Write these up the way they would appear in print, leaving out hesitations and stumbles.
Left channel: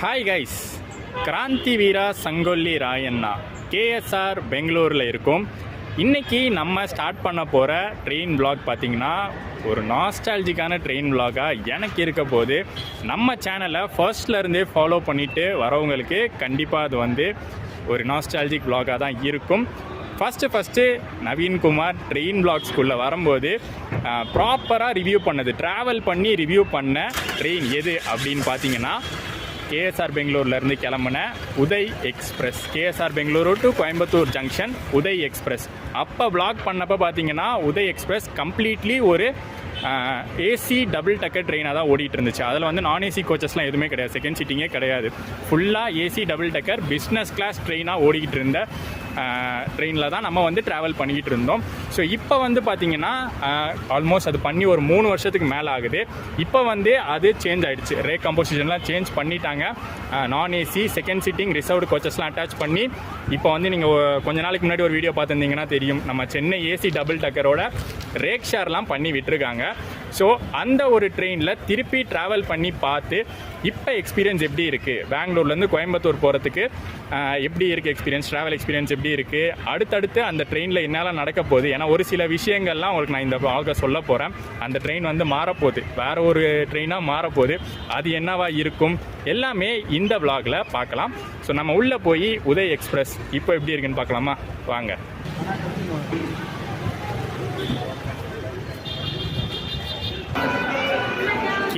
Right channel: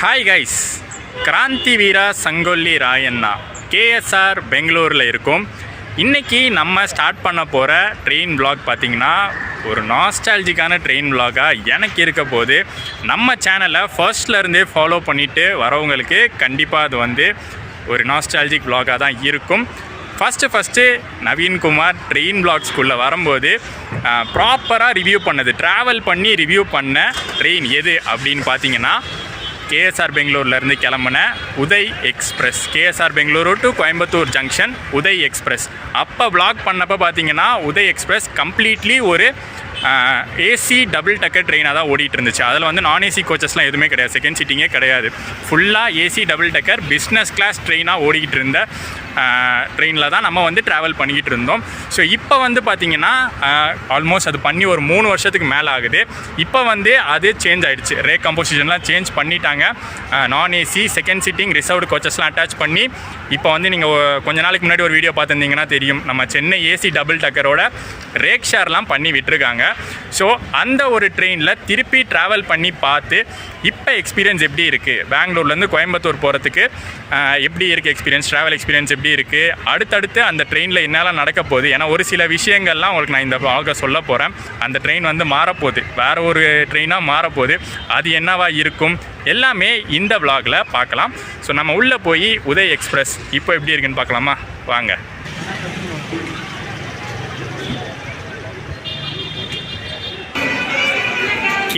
Hi guys, Kranti வீரா Sangolli Rayanna KSR பெங்களூரில் இருக்கும். இன்றைக்கி நம்ம ஸ்டார்ட் பண்ண போகிற ட்ரெயின் vlog பார்த்திங்கன்னா ஒரு நாஸ்டாலஜிக்கான ட்ரெயின் vlog-ஆக எனக்கு இருக்க போது. நம்ம சேனலை ஃபர்ஸ்ட்லேருந்தே ஃபாலோ பண்ணிவிட்டு வரவங்களுக்கு கண்டிப்பாக அது வந்து ஒரு நாஸ்டாலஜிக் vlog-ஆக தான் இருக்கும். ஃபஸ்ட்டு நவீன்குமார் ட்ரெயின் vlogsக்குள்ளே வரும்போது ப்ராப்பராக ரிவ்யூ பண்ணது, ட்ராவல் பண்ணி ரிவ்யூ பண்ண ட்ரெயின் எது அப்படின்னு பார்த்தீங்கன்னா கேஎஸ்ஆர் பெங்களூர்லேருந்து கிளம்புன Uday express. KSR Bengaluru to Coimbatore junction Uday express. அப்போ vlog பண்ணப்போ பார்த்தீங்கன்னா உதய் எக்ஸ்பிரஸ் கம்ப்ளீட்லி ஒரு ஏசி டபுள் டக்கர் ட்ரெயினாக தான் ஓடிட்டு இருந்துச்சு. அதில் வந்து நான் ஏசி கோச்சஸ்லாம் எதுவுமே கிடையாது, செகண்ட் சீட்டிங்கே கிடையாது. ஃபுல்லாக ஏசி டபுள் டக்கர் பிஸ்னஸ் கிளாஸ் ட்ரெயினாக ஓடிக்கிட்டு இருந்த ட்ரெயினில் தான் நம்ம வந்து ட்ராவல் பண்ணிக்கிட்டு இருந்தோம். ஸோ இப்போ வந்து பார்த்திங்கன்னா ஆல்மோஸ்ட் அது பண்ணி ஒரு 3 வருஷத்துக்கு மேலே ஆகுது. இப்போ வந்து அது சேஞ்ச் ஆகிடுச்சு, ரே கம்போசிஷன்லாம் சேஞ்ச் பண்ணிட்டாங்க. நான் ஏசி செகண்ட் சீட்டிங் ரிசர்வ்டு கோச்சஸ்லாம் அட்டாச் பண்ணி இப்போ வந்து நீங்கள் கொஞ்ச நாளைக்கு முன்னாடி ஒரு வீடியோ பார்த்துருந்தீங்கன்னா தெரியும், நம்ம சென்னை ஏசி டபுள் டக்கரோட ரேக் ஷேர்லாம் பண்ணி விட்டுருக்காங்க. ஸோ அந்த ஒரு ட்ரெயினில் திருப்பி ட்ராவல் பண்ணி பார்த்து இப்போ எக்ஸ்பீரியன்ஸ் எப்படி இருக்குது, பெங்களூர்லேருந்து கோயம்புத்தூர் போகிறதுக்கு எப்படி இருக்குது எக்ஸ்பீரியன்ஸ், ட்ராவல் எக்ஸ்பீரியன்ஸ் எப்படி இருக்குது, அடுத்தடுத்து அந்த ட்ரெயினில் என்னெல்லாம் நடக்க போகுது. ஏன்னா ஒரு சில விஷயங்கள்லாம் உங்களுக்கு நான் இந்த vlog சொல்ல போகிறேன். அந்த ட்ரெயின் வந்து மாறப்போகுது, வேறு ஒரு ட்ரெயினாக மாறப்போகுது. அது என்னவா இருக்கும் எல்லாமே இந்த vlogல பார்க்கலாம். ஸோ நம்ம உள்ளே போய் உதய் எக்ஸ்பிரஸ் இப்போ எப்படி இருக்குன்னு பார்க்கலாமா, வாங்க.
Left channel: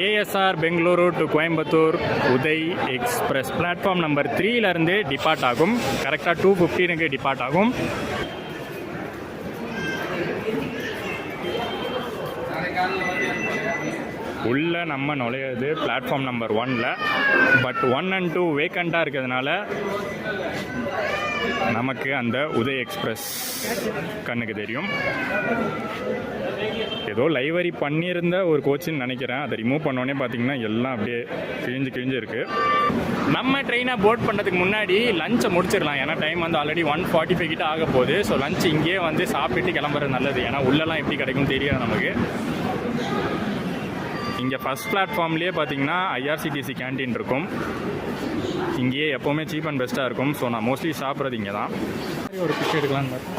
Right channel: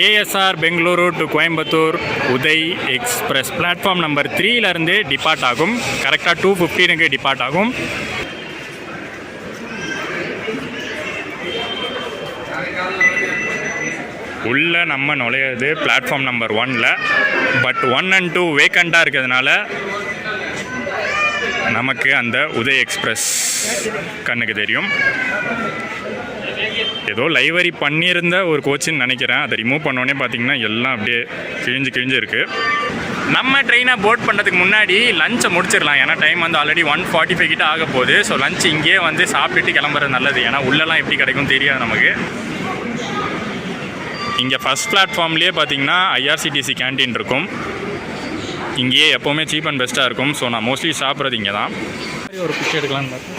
KSR Bengaluru to Coimbatore Uday express platform number 3லேருந்து டிபார்ட் ஆகும். கரெக்டாக 2:15 டிபார்ட் ஆகும். உள்ளே நம்ம நுழையிறது பிளாட்ஃபார்ம் நம்பர் 1ல். பட் 1 and 2 வேக்கண்ட்டாக இருக்கிறதுனால நமக்கு அந்த உதய் எக்ஸ்பிரஸ் கண்ணுக்கு தெரியும். ஏதோ லைவரி பண்ணியிருந்த ஒரு கோச்சுன்னு நினைக்கிறேன். அதை ரிமூவ் பண்ணோடனே பார்த்தீங்கன்னா எல்லாம் அப்படியே கிழிஞ்சு இருக்குது. நம்ம ட்ரெயினை போர்ட் பண்ணுறதுக்கு முன்னாடி லஞ்சை முடிச்சிடலாம். ஏன்னா டைம் வந்து ஆல்ரெடி 1:45 கிட்ட ஆக போகுது. ஸோ லஞ்ச் இங்கேயே வந்து சாப்பிட்டுட்டு கிளம்புறது நல்லது. ஏன்னா உள்ளெல்லாம் எப்படி கிடைக்கும் தெரியாது நமக்கு. இங்கே ஃபஸ்ட் பிளாட்ஃபார்ம்லேயே பார்த்தீங்கன்னா ஐஆர்சிடிசி கேன்டீன் இருக்கும். இங்கேயே எப்போவுமே சீப் அண்ட் பெஸ்ட்டாக இருக்கும். ஸோ நான் மோஸ்ட்லி சாப்பிட்றது இங்கே தான். ஒரு பிக்சர் எடுக்கலான்னு பார்த்தேன்.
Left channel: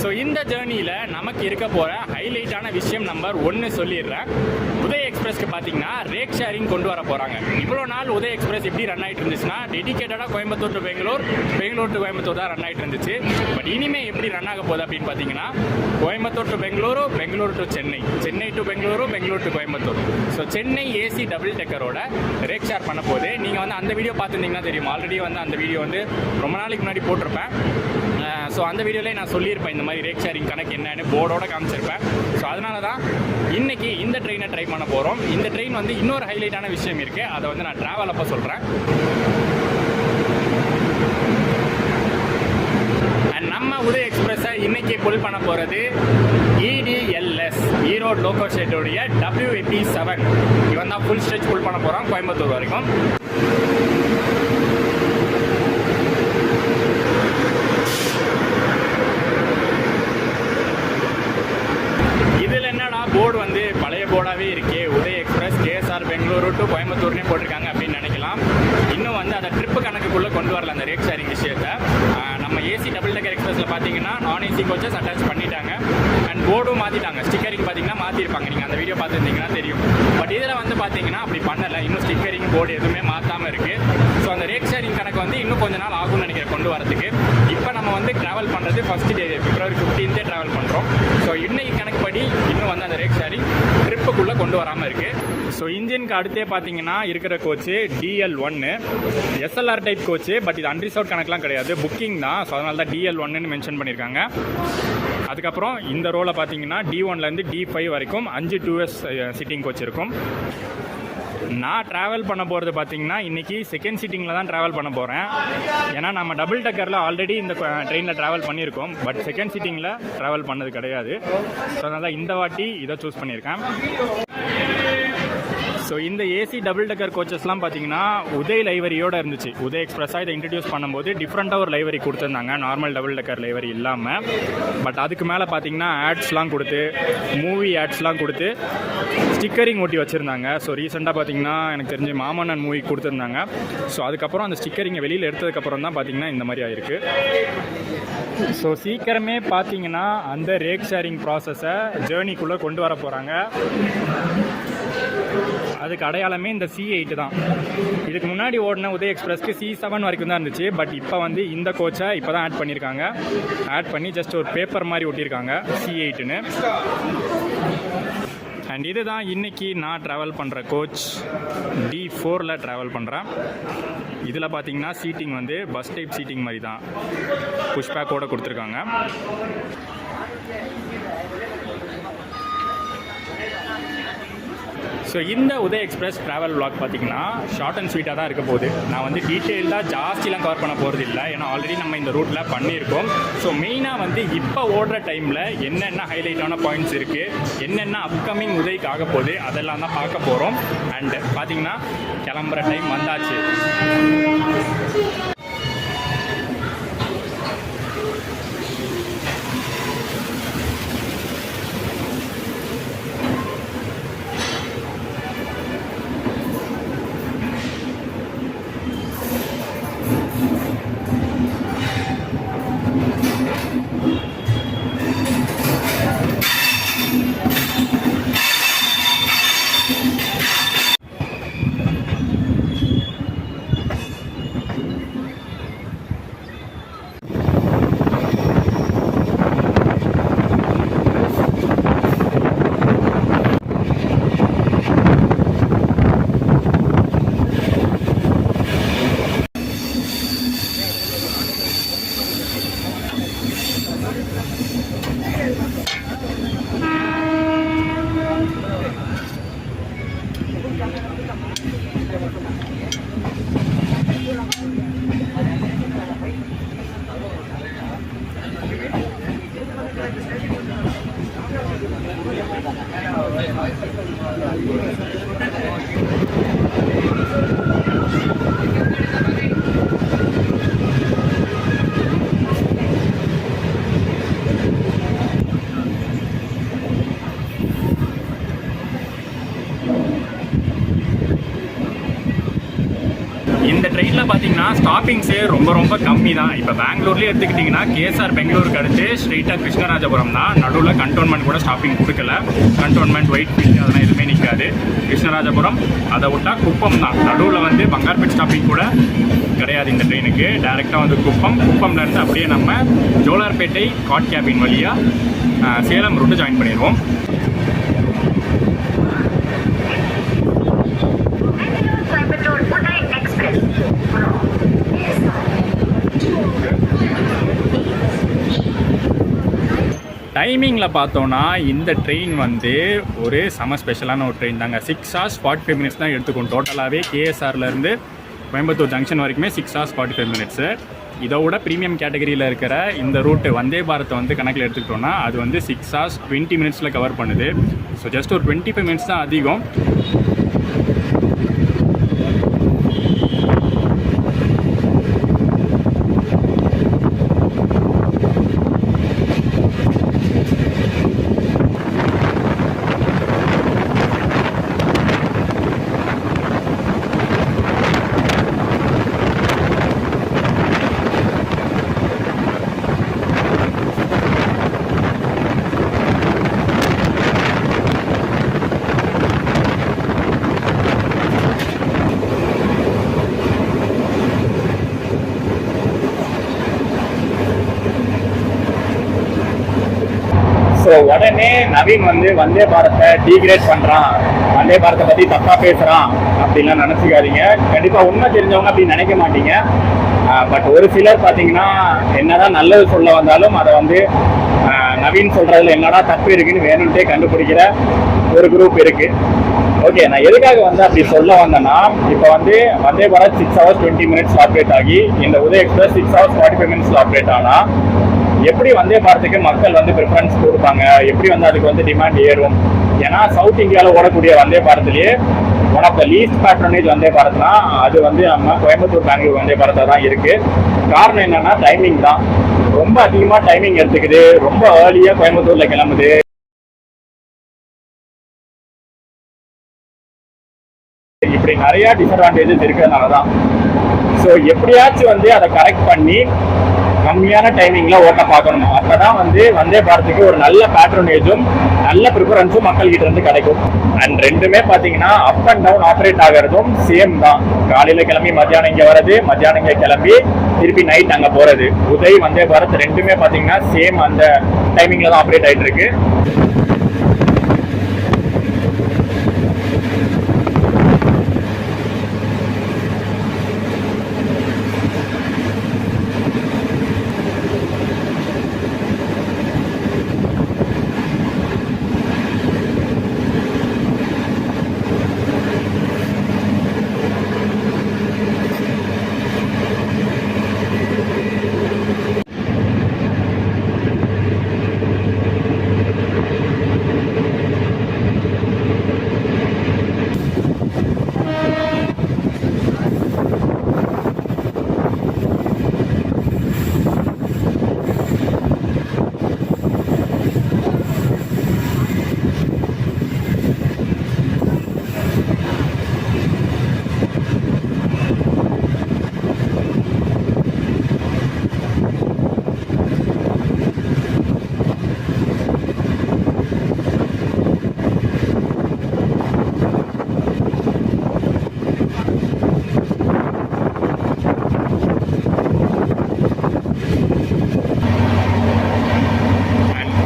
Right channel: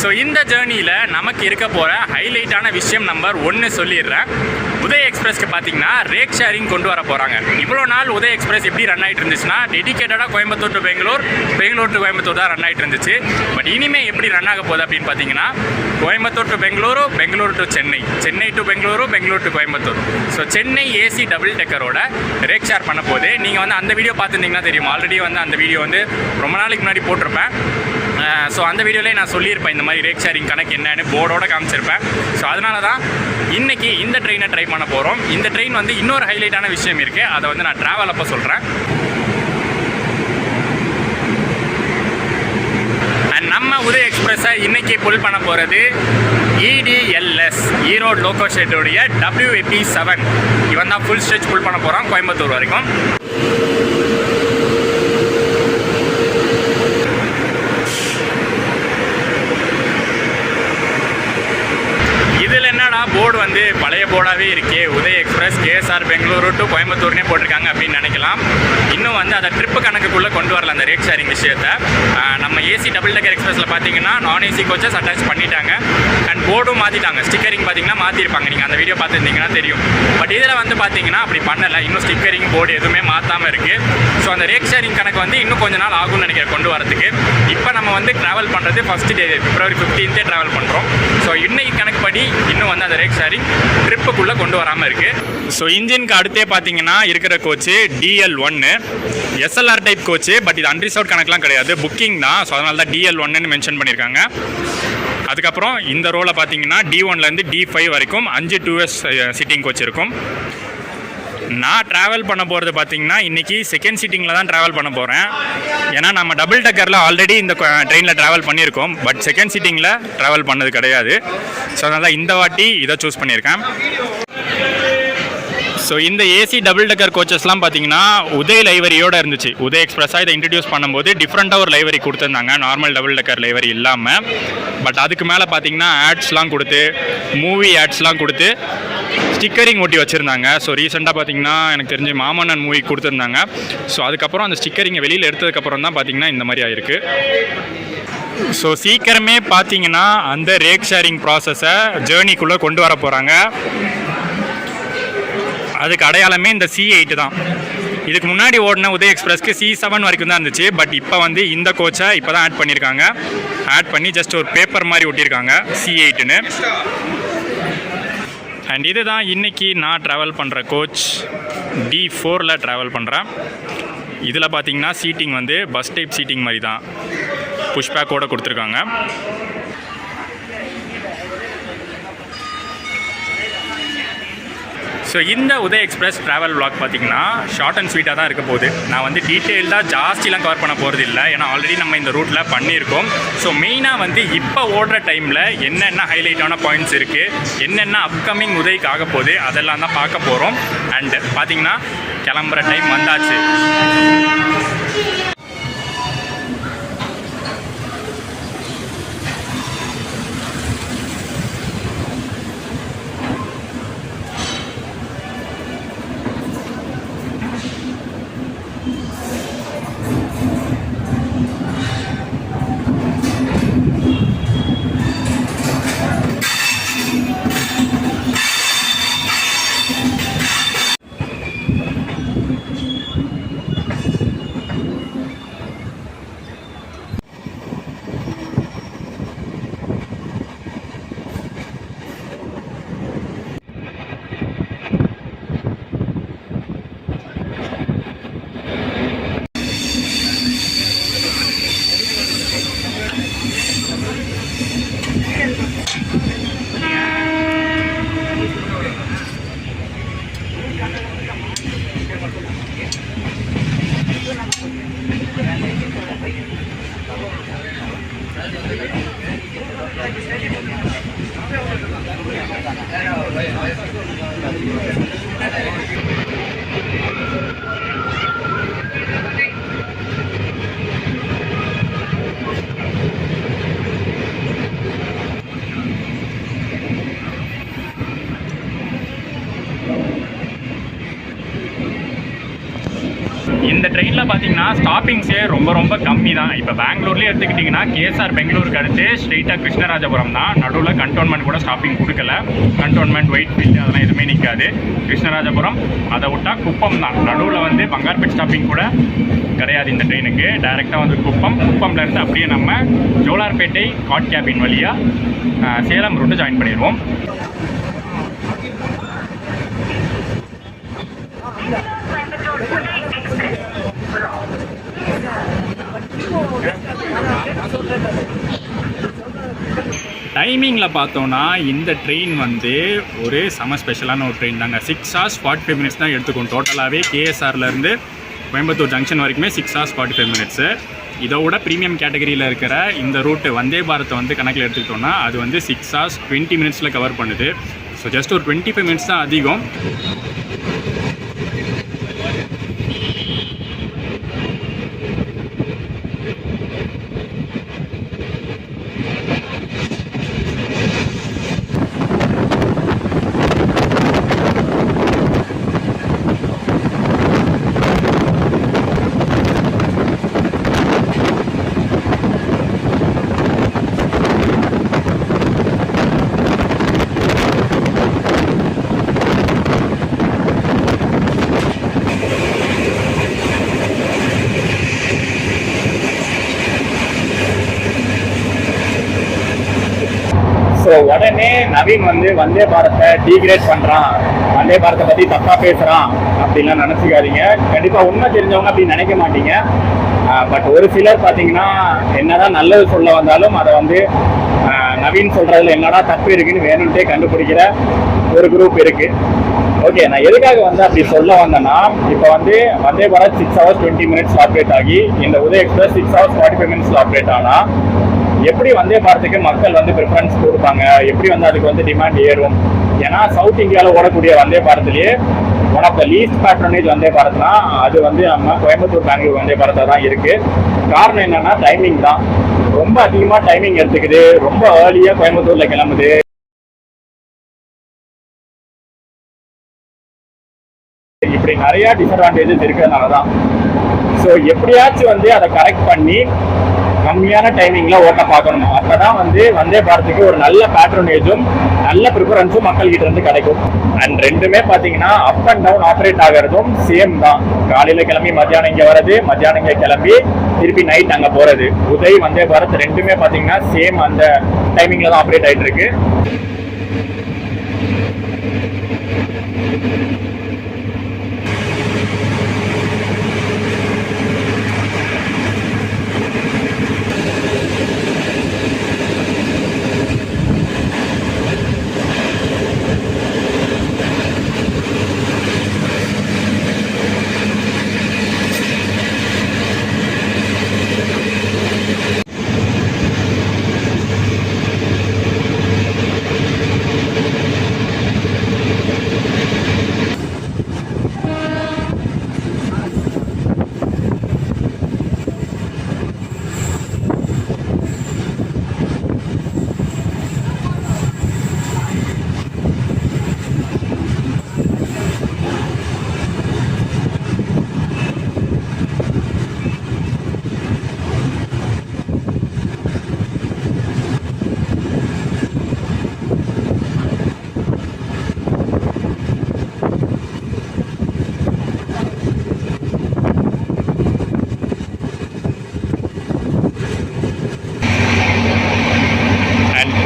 ஸோ இந்த ஜேர்னியில் நமக்கு இருக்க போகிற ஹைலைட்டான விஷயம் நம்பர் 1 சொல்லிடுறேன். உதய் எக்ஸ்பிரஸ்க்கு பார்த்தீங்கன்னா ரேக் ஷேரிங் கொண்டு வர போகிறாங்க. இவ்வளோ நாள் உதய் எக்ஸ்பிரஸ் எப்படி ரன் ஆகிட்டு இருந்துச்சுன்னா டெடிக்கேட்டடாக கோயம்புத்தூர் டு பெங்களூர், பெங்களூர் டு கோயம்புத்தூர் தான் ரன் ஆகிட்டு இருந்துச்சு. பட் இனிமேல் எப்படி ரன் ஆக போகுது அப்படின்னு பார்த்தீங்கன்னா Coimbatore to Bengaluru, Bangalore to Chennai, Chennai to Bengaluru, Bangalore to Coimbatore. So Chennai AC double டெக்கரோட ரேக் ஷேர் பண்ண போகுது. நீங்கள் வந்து அந்த வீடியோ பார்த்துருந்தீங்கன்னா தெரியும், ஆல்ரெடி வந்து அந்த வீடியோ வந்து ரொம்ப நாளைக்கு முன்னாடி போட்டிருப்பேன். ஸோ அந்த வீடியோலேயே நான் சொல்லியிருப்பேன் இந்த மாதிரி ரேக் ஷேரிங் கணக்கு என்னன்னு போர்டோட காமிச்சிருப்பேன். ஸோ அதனால தான் இன்றைக்கி இந்த ட்ரெயினை ட்ரை பண்ண போகிறோம். இந்த ட்ரெயின் வந்து இன்னொரு ஹைலைட்டான விஷயம் இருக்குது, அதை வந்து நான் ட்ராவல் அப்போ சொல்கிறேன். அண்ட் நம்ம உதய் எக்ஸ்பிரஸை இன்றைக்கி புல் பண்ண போகிறது EDLS ஈரோடு லோக்கோ ஷெட்டுடைய WAP7. இவன் தான் ஃபுல் ஸ்ட்ரெச் புல் பண்ண போகிறான் கோயம்புத்தூர் வரைக்கும். போர்டு வந்து பழைய போர்டாகவே இருக்கே, Uday express KSR Bengaluru to கோயம்புத்தூர்னே போட்டிருக்காங்க அப்படின்னு நினைக்கலாம். இன்னும் வந்து அதை ட்ரிப்பு கணக்குக்குள்ளே கொண்டு வரல அந்த ரேக் ஷேரிங் விஷயத்தை. நம்ம ஏசி டபுள் டக்கர் எக்ஸ்பிரஸில் பார்த்தீங்கன்னா நான் ஏசி கோச்சஸ் அட்டாச் பண்ணிட்டாங்க. அண்ட் போர்டும் மாற்றிட்டாங்க, ஸ்டிக்கரிங் பார்த்தீங்கன்னா மாற்றிருப்பாங்க. நீங்கள் அந்த வீடியோ பார்த்துருந்தீங்கன்னா தெரியும். பட் இதில் வந்து பார்த்தீங்கன்னா அப்படி பண்ணலை, இன்னும் ஸ்டிக்கரிங் போர்டு எதுவுமே மாற்றாமல் இருக்குது. ஸோ அந்த ரேக் ஷேரிங் கணக்கு வந்து இன்னும் கொஞ்ச நாள் ஆகும்னு நினைக்கிறேன் கொண்டு வரதுக்கு. இப்போ நம்ம வந்து ட்ராவல் பண்ணுறது ஃபஸ்ட் டே February 15 ட்ராவல் பண்ணுறோம். ஸோ இன்னைக்கு கணக்குப்படி இன்னும் வந்து அந்த ரேக் ஷேரிங் ட்ரிப்புக்குள்ளே கொண்டு வராமல் இருக்குது. ஸோ இன்ஜினுக்கு அடுத்தே பார்த்தீங்கன்னா இருக்கிற coach DL1 SLR type coach. But இது அன்ரிசர்வ்ட் கணக்கெலாம் கிடையாது, புக்கிங் தான். ஸோ அதனால தான் DL1ன்னு மென்ஷன் பண்ணியிருக்காங்க. அதுக்கப்புறம் இந்த ரோவில் பார்த்தீங்கன்னா D1லேருந்து D5 வரைக்கும் 5 2S சிட்டிங் கோச் இருக்கும். நான் ட்ராவல் பண்ண போகிறது பார்த்தீங்கன்னா இன்றைக்கி செகண்ட் சீட்டிங்கில் தான் ட்ராவல் பண்ண போகிறேன். ஏன்னா நம்ம டபுள் டக்கரில் ஆல்ரெடி இந்த ட்ரெயினில் ட்ராவல் பண்ணியிருக்கோம், பட் செகண்ட் சீட்டிங்கில் ட்ராவல் பண்ணது கிடையாது. ஸோ அதனால் இந்த வாட்டி இதை சூஸ் பண்ணியிருக்கேன். ஸோ இந்த ஏசி டபுள் டக்கர் கோச்சஸ்லாம் பார்த்தீங்கன்னா உதய் லைவரியோடு இருந்துச்சு. உதய் எக்ஸ்பிரஸாக இதை இன்ட்ரடியூஸ் பண்ணும்போது டிஃப்ரெண்ட்டாக ஒரு லைவரி கொடுத்துருந்தாங்க, நார்மல் டபுள் டக்கர் லைவரி இல்லாமல். பட் அதுக்கு மேலே பார்த்தீங்கன்னா ஆட்ஸ்லாம் கொடுத்து, மூவி ஆட்ஸ்லாம் கொடுத்து ஸ்டிக்கரிங் ஒட்டி வச்சுருந்தாங்க. ஸோ ரீசெண்டாக பார்த்தீங்கன்னா எனக்கு தெரிஞ்சு மாமன்னன் மூவி கொடுத்துருந்தாங்க. ஸோ அதுக்கப்புறம் அந்த ஸ்டிக்கரிங்கை வெளியில் எடுத்ததுக்கப்புறம் தான் பார்த்தீங்கன்னா இந்த மாதிரி ஆயிருக்கு. ஸோ சீக்கிரமே பார்த்தீங்கன்னா அந்த ரேக் ஷேரிங் ப்ராசஸை ஜேர்னிக்குள்ளே கொண்டு வர போகிறாங்க. அதுக்கு அடையாளமே இந்த C8 தான். இதுக்கு முன்னாடி ஓடின உதய் எக்ஸ்பிரஸ்க்கு C7 வரைக்கும் தான் இருந்துச்சு. பட் இப்போ வந்து இந்த கோச்சை இப்போ தான் ஆட் பண்ணியிருக்காங்க. ஆட் பண்ணி ஜஸ்ட் ஒரு பேப்பர் மாதிரி ஒட்டியிருக்காங்க C8ன்னு. அண்ட் இது தான் இன்றைக்கி நான் ட்ராவல் பண்ணுற கோச். D4ல் ட்ராவல் பண்ணுறேன். இதில் பார்த்தீங்கன்னா சீட்டிங் வந்து பஸ் டைப் சீட்டிங் மாதிரி தான், புஷ்பேக்கோடு கொடுத்துருக்காங்க. ஸோ இந்த உதய் எக்ஸ்பிரஸ் ட்ராவல் vlog பார்த்தீங்கன்னா ஷார்ட் அண்ட் ஸ்வீட்டாக தான் இருக்க போகுது. நான் வந்து டீட்டெயில்டாக ஜாஸ்திலாம் கவர் பண்ண போகிறது இல்லை, ஏன்னா ஆல்ரெடி நம்ம இந்த ரூட்டில் பண்ணியிருக்கோம். ஸோ மெயினாக வந்து இப்போ ஓடுற டைமில் என்னென்ன ஹைலைட்டான பாயிண்ட்ஸ் இருக்குது, என்னென்ன அப்கமிங் உதய்க்கு ஆக போகுது, அதெல்லாம் தான் பார்க்க போகிறோம். அண்டு பார்த்தீங்கன்னா கிளம்புற டைம் வந்தாச்சு. இந்த ட்ரெயினில் பார்த்தீங்கன்னா ஸ்டாப்பிங்ஸே ரொம்ப கம்மி தான். இப்போ பெங்களூர்லேயே எடுத்துக்கிட்டிங்கன்னா KSR பெங்களூருக்கு அடுத்து ஸ்ட்ரெயிட்டாக கிருஷ்ணராஜபுரம் தான். நடுவில் கண்டோன்மெண்ட் கூட ஸ்டாப்பிங் கொடுக்கல. கண்டோன்மெண்ட் ஒயிட் ஃபீல்டு அதெல்லாம் எதுவுமே நிற்காது. கிருஷ்ணராஜபுரம் அதை விட்டால் குப்பம் தான். நடுவில் வந்து பங்கார்பேட் ஸ்டாப்பிங் கூட கிடையாது இந்த ட்ரெயினுக்கு. டைரெக்டாக வந்து குப்பம்லேருந்து அப்படியே நம்ம ஜோலார்பேட்டை காட் கேபின் வழியாக சேலம் ரூட்டு ஜாயின் பண்ணிடுவோம். டைமிங்கில் பார்த்தோன்னா இந்த ட்ரெயின் வந்து ஒரு செம ஸ்பெஷலான ஒரு ட்ரெயின் தாங்க. 6 hours 45 minutes தான் எடுத்துக்கும் டோட்டலாகவே. KSRலேருந்து கோயம்புத்தூர் ஜங்ஷன் வரைக்குமே 6 hours 45 minutes. இதோட ப்ரீமியம் கேட்டகரியில் இருக்கிற இந்த ரூட்டு வந்தே பாரத்தை வந்து கணக்கில் எடுத்துக்கிட்டோன்னா அது வந்து 6 hours 20 minutes கவர் பண்ணுது. ஸோ ஜஸ்ட் ஒரு 25 minutes தான் அதிகம். ஸோ உடனே நவீன் வந்து வந்தே பாரத்தை டீக்ரேட் பண்ணுறான், வந்தே பாரத்தை பற்றி தப்பாக பேசுகிறான் அப்படின்லாம் நினச்சிக்காதீங்க. கண்டிப்பாக உண்மை தெரிஞ்சவங்க அப்படின்னு நினைக்க மாட்டீங்க. பட் ஒரு சிலர் பார்த்தீங்கன்னா என்னதான் நல்லது சொல்ல வந்தாலும் அதை வந்து நவீன் சொல்றதுல என்னடா தப்பு இருக்குன்னு வேணும்ட்டே கண்டுபிடிக்கிற ஒரு குரூப் இருக்கு. ஓகே, நான் எதுக்காக வந்து அப்படி சொல்ல வந்தேன்னா, இப்போ வந்து Vande Bharat 6 hours 20 minutes operate ஆகி இந்த Uday express 6 hours 45 minutes operate ஆனா எப்படி வந்தே பாரத்துக்கு மக்கள் வந்து ப்ரிஃபரன்ஸ் கொடுப்பாங்க, எப்படி வந்து அதுக்கு வந்து டிமாண்ட் ஏறும்? ஏன்னா சவுத் இந்தியாவில் ஓடக்கூடிய வந்தே பாரத்லேயே one of the least patronage Vande பாரத்னா அது வந்து நம்ம கோயம்புத்தூர் பெங்களூர் வந்தே பாரதா தான் இருக்கு. காரணம் என்னன்னா டைமிங் தான். ரொம்ப அதிகமாக டைமிங் எடுத்துக்குது, ரொம்ப ஏர்லியாக கோயம்புத்தூர்ல கிளம்புது. இப்படி நிறைய டிஸ்அட்வான்டேஜஸ் இருக்கிறதுனால தான். ஸோ எப்படியாச்சும் வந்து அதை கரெக்ட் பண்ணி கம்மியான டைமிங்ல ஓட்ட பார்க்கணும். அப்பதான் வந்து வந்தே பாரத்துக்கு ஒரு நல்ல பேட்ரனேஜும் நல்ல ப்ரிஃபரன்ஸும் மக்கள் கிட்ட இருந்து கிடைக்கும். அண்ட் ரெண்டுமே பாத்தீங்கன்னா அப் அண்ட் டவுன் ஆப்ரேட் ஆகிறதும் சேம் தான். காலையில கிளம்பி மத்தியானம் இங்க வர்றது, மத்தியானம் இங்க கிளம்பி திருப்பி நைட் அங்க போறது. உதய் வந்தே பாரத் ரெண்டுமே பாத்தீங்கன்னா சேம் அந்த டைமிங்ல தான் ஆப்ரேட் ஆயிட்டு இருக்கு.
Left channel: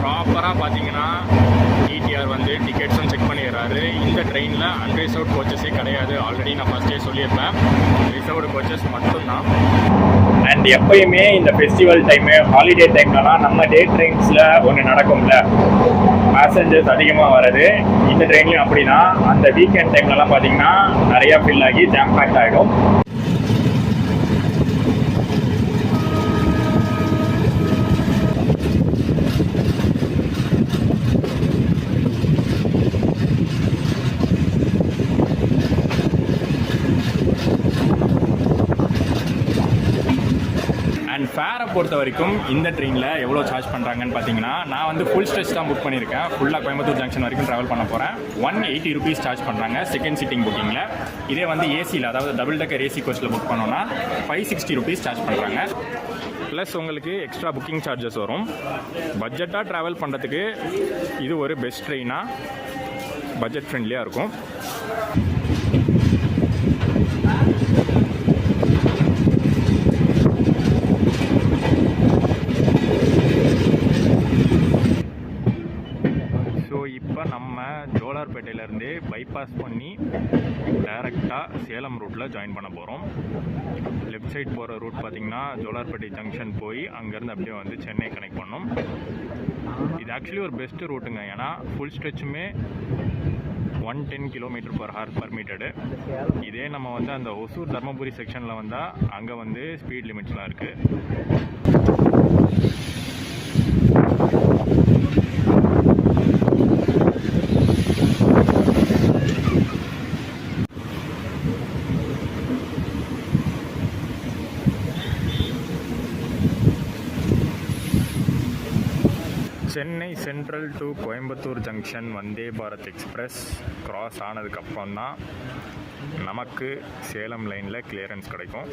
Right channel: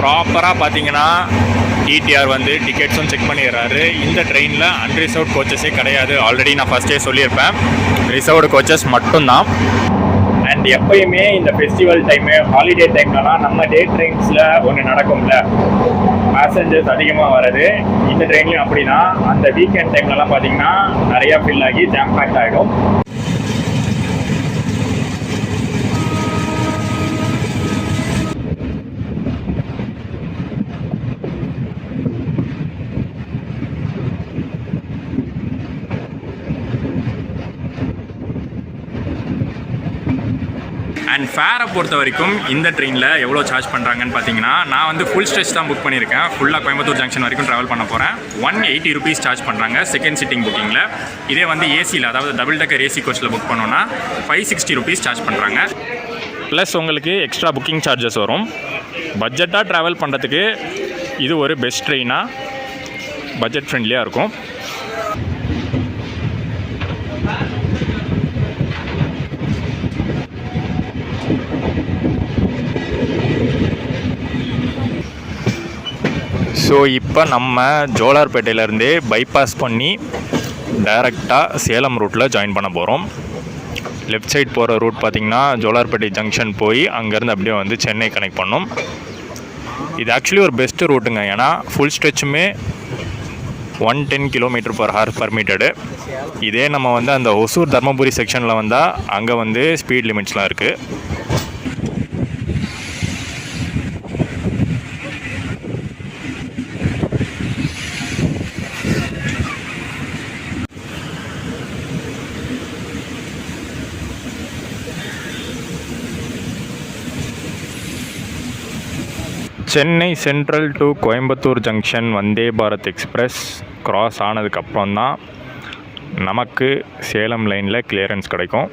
ப்ராப்பராக பார்த்தீங்கன்னா டிடிஆர் வந்து டிக்கெட்ஸும் செக் பண்ணிடுறாரு. இந்த ட்ரெயினில் அன்ரிசர்வ்ட் கோச்சஸே கிடையாது. ஆல்ரெடி நான் ஃபஸ்ட்டே சொல்லியிருப்பேன், ரிசர்வ்டு கோச்சஸ் மட்டும்தான். அண்ட் எப்பயுமே இந்த ஃபெஸ்டிவல் டைமு, ஹாலிடே டைம்லலாம் நம்ம டே ட்ரெயின்ஸில் ஒன்று நடக்கும்ல, பேசஞ்சர்ஸ் அதிகமாக வர்றது. இந்த ட்ரெயின்லையும் அப்படின்னா அந்த வீக்கெண்ட் டைம்லலாம் பார்த்தீங்கன்னா நிறையா ஃபில் ஆகி ஜாம் பேக்ட் ஆகிடும். அண்ட் ஃபேரை பொறுத்த வரைக்கும் இந்த ட்ரெயினில் எவ்வளோ சார்ஜ் பண்ணுறாங்கன்னு பார்த்தீங்கன்னா, நான் வந்து ஃபுல் ஸ்ட்ரெச் தான் புக் பண்ணியிருக்கேன். ஃபுல்லாக கோயம்புத்தூர் ஜங்ஷன் வரைக்கும் ட்ராவல் பண்ண போகிறேன். 180 rupees சார்ஜ் பண்ணுறாங்க செகண்ட் சிட்டிங் புக்கிங்கில். இதே வந்து ஏசியில், அதாவது டபுள் டக்கர் ஏசி கோச்சில் புக் பண்ணோன்னா 560 rupees சார்ஜ் பண்ணுறாங்க. ப்ளஸ் உங்களுக்கு எக்ஸ்ட்ரா புக்கிங் சார்ஜஸ் வரும். பட்ஜெட்டாக ட்ராவல் பண்ணுறதுக்கு இது ஒரு பெஸ்ட் ட்ரெயினாக, பட்ஜெட் ஃப்ரெண்ட்லியாக இருக்கும். ஸோ இப்போ நம்ம ஜோலார்பேட்டையிலேருந்தே பைபாஸ் பண்ணி டைரெக்டாக சேலம் ரூட்டில் ஜாயின் பண்ண போகிறோம். லெஃப்ட் சைட் போகிற ரூட் பார்த்திங்கன்னா ஜோலார்பேட்டை ஜங்ஷன் போய் அங்கேருந்து அப்படியே வந்து சென்னை கனெக்ட் பண்ணோம். இது ஆக்சுவலி ஒரு பெஸ்ட்டு ரூட்டுங்க. ஏன்னா ஃபுல் ஸ்ட்ரெச்சுமே 110 km/h பர்மிட்டடு. இதே நம்ம வந்து அந்த ஒசூர் தர்மபுரி செக்ஷனில் வந்தால் அங்கே வந்து ஸ்பீட் லிமிட்ஸ்லாம் இருக்குது. Chennai central to Coimbatore junction Vande Bharat express cross ஆனதுக்கப்புறம் தான் நமக்கு சேலம் லைனில் கிளியரன்ஸ் கிடைக்கும்.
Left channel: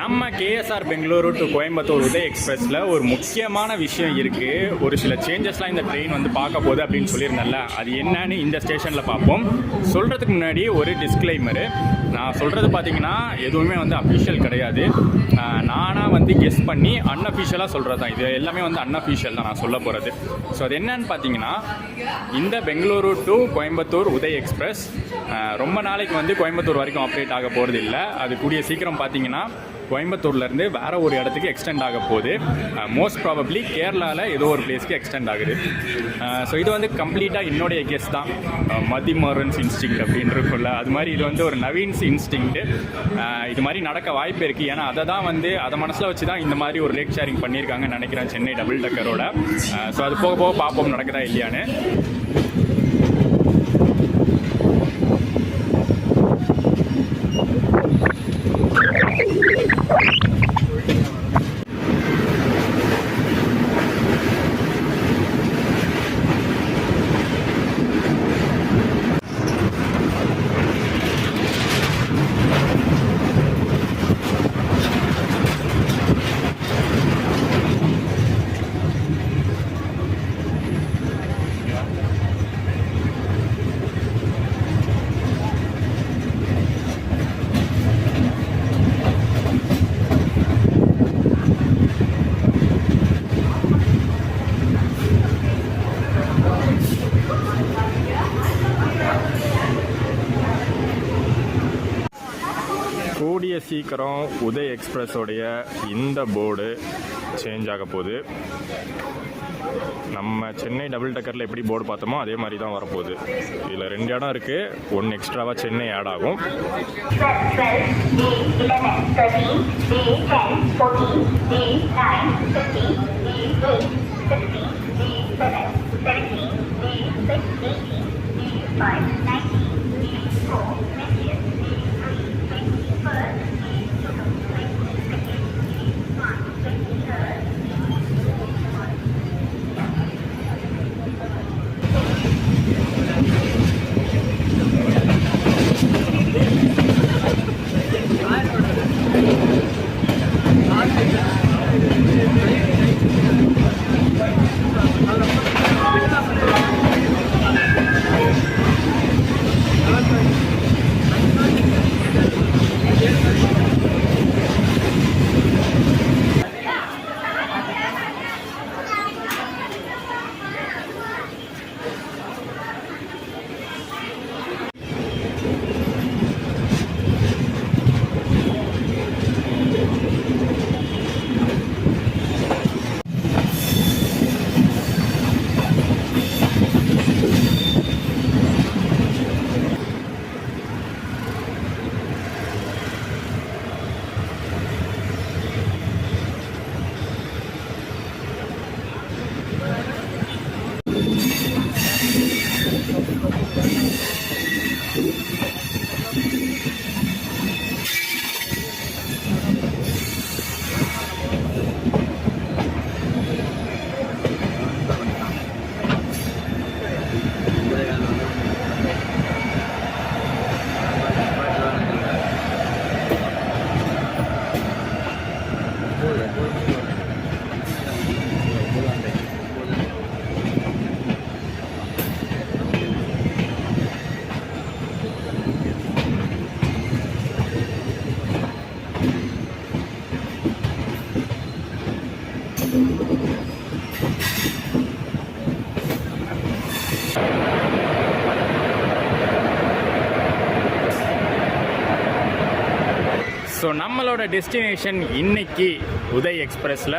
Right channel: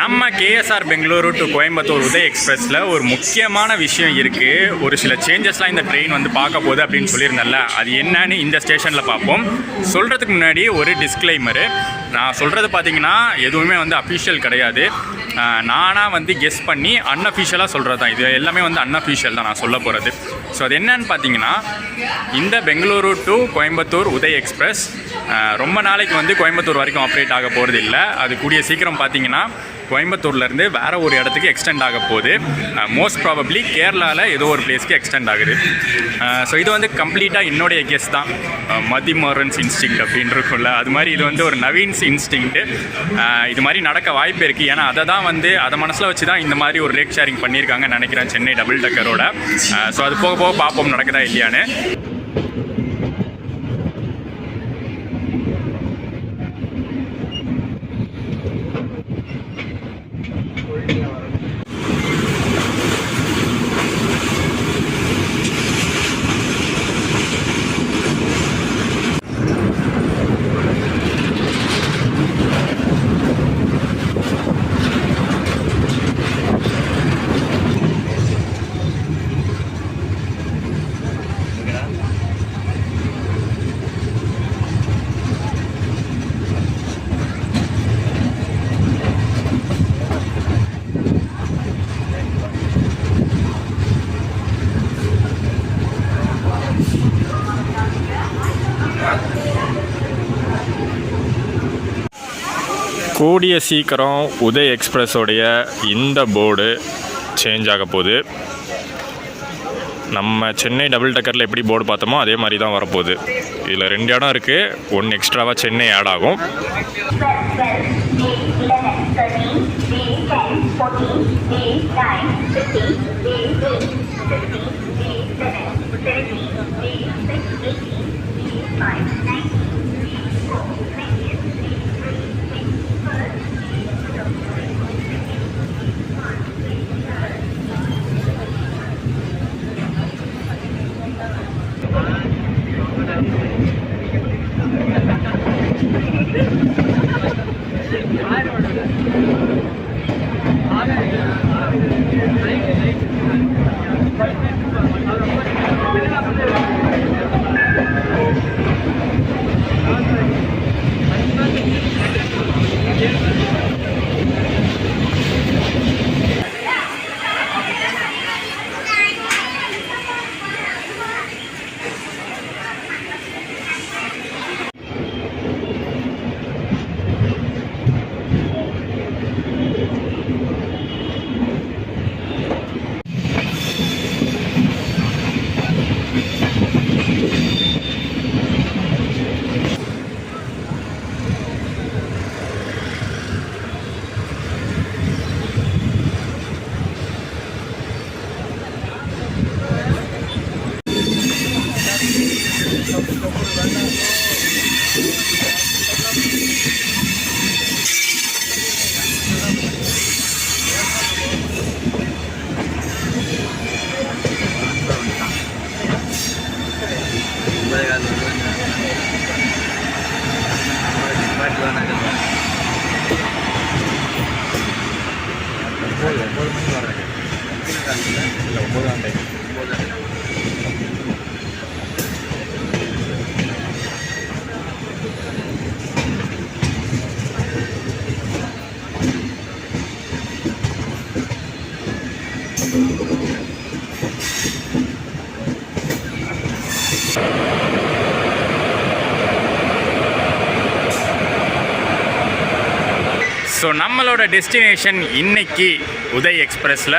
நம்ம கேஎஸ்ஆர் பெங்களூரு டு கோயம்புத்தூர் உதய் எக்ஸ்பிரஸில் ஒரு முக்கியமான விஷயம் இருக்குது. ஒரு சில சேஞ்சஸ்லாம் இந்த ட்ரெயின் வந்து பார்க்க போகுது அப்படின்னு சொல்லியிருந்தேன்ல, அது என்னன்னு இந்த ஸ்டேஷனில் பார்ப்போம். சொல்கிறதுக்கு முன்னாடி ஒரு டிஸ்க்ளைமரு. நான் சொல்கிறது பார்த்தீங்கன்னா எதுவுமே வந்து அஃபிஷியல் கிடையாது. நானாக வந்து கெஸ் பண்ணி அன்அஃபிஷியலாக சொல்கிறது தான். இது எல்லாமே வந்து அன்அஃபிஷியல் தான் நான் சொல்ல போகிறது. ஸோ அது என்னன்னு பார்த்தீங்கன்னா, இந்த பெங்களூரு டு கோயம்புத்தூர் உதய் எக்ஸ்பிரஸ் ரொம்ப நாளைக்கு வந்து கோயம்புத்தூர் வரைக்கும் ஆப்ரேட் ஆக போகிறது இல்லை. அது கூடிய சீக்கிரம் பார்த்தீங்கன்னா கோயம்புத்தூர்லேருந்து வேறு ஒரு இடத்துக்கு எக்ஸ்டெண்ட் ஆக போகுது. மோஸ்ட் ப்ராபப்ளி கேரளாவில் ஏதோ ஒரு பிளேஸ்க்கு எக்ஸ்டெண்ட் ஆகுது. ஸோ இது வந்து கம்ப்ளீட்டாக என்னுடைய கெஸ் தான். மதிமோரன்ஸ் இன்ஸ்டிங் அப்படின்னு இருக்கும்ல, அது மாதிரி இது வந்து ஒரு நவீன்ஸ் இன்ஸ்டிங்க்ட்டு. இது மாதிரி நடக்க வாய்ப்பு இருக்குது. ஏன்னா அதை மனசில் வச்சு தான் இந்த மாதிரி ஒரு ரேக் ஷேரிங் பண்ணியிருக்காங்கன்னு நினைக்கிறேன் சென்னை டபுள் டக்கரோட. ஸோ அது போக போக பார்ப்போம் நடக்குதா இல்லையான்னு. கூடிய சீக்கிரம் உதய் எக்ஸ்பிரஸோடைய இந்த போர்டு சேஞ்ச் ஆக போகுது. நம்ம சென்னை டபுள் டக்கரில் எப்படி போர்டு பார்த்தோமோ அதே மாதிரி தான் வரப்போகுது. இதில் 2 இடம் இருக்குது. 1 எக்ஸ்ட்ராவாக சென்னை ஆட் ஆகும். ஸோ நம்மளோட டெஸ்டினேஷன் இன்னைக்கு உதய் எக்ஸ்பிரஸில்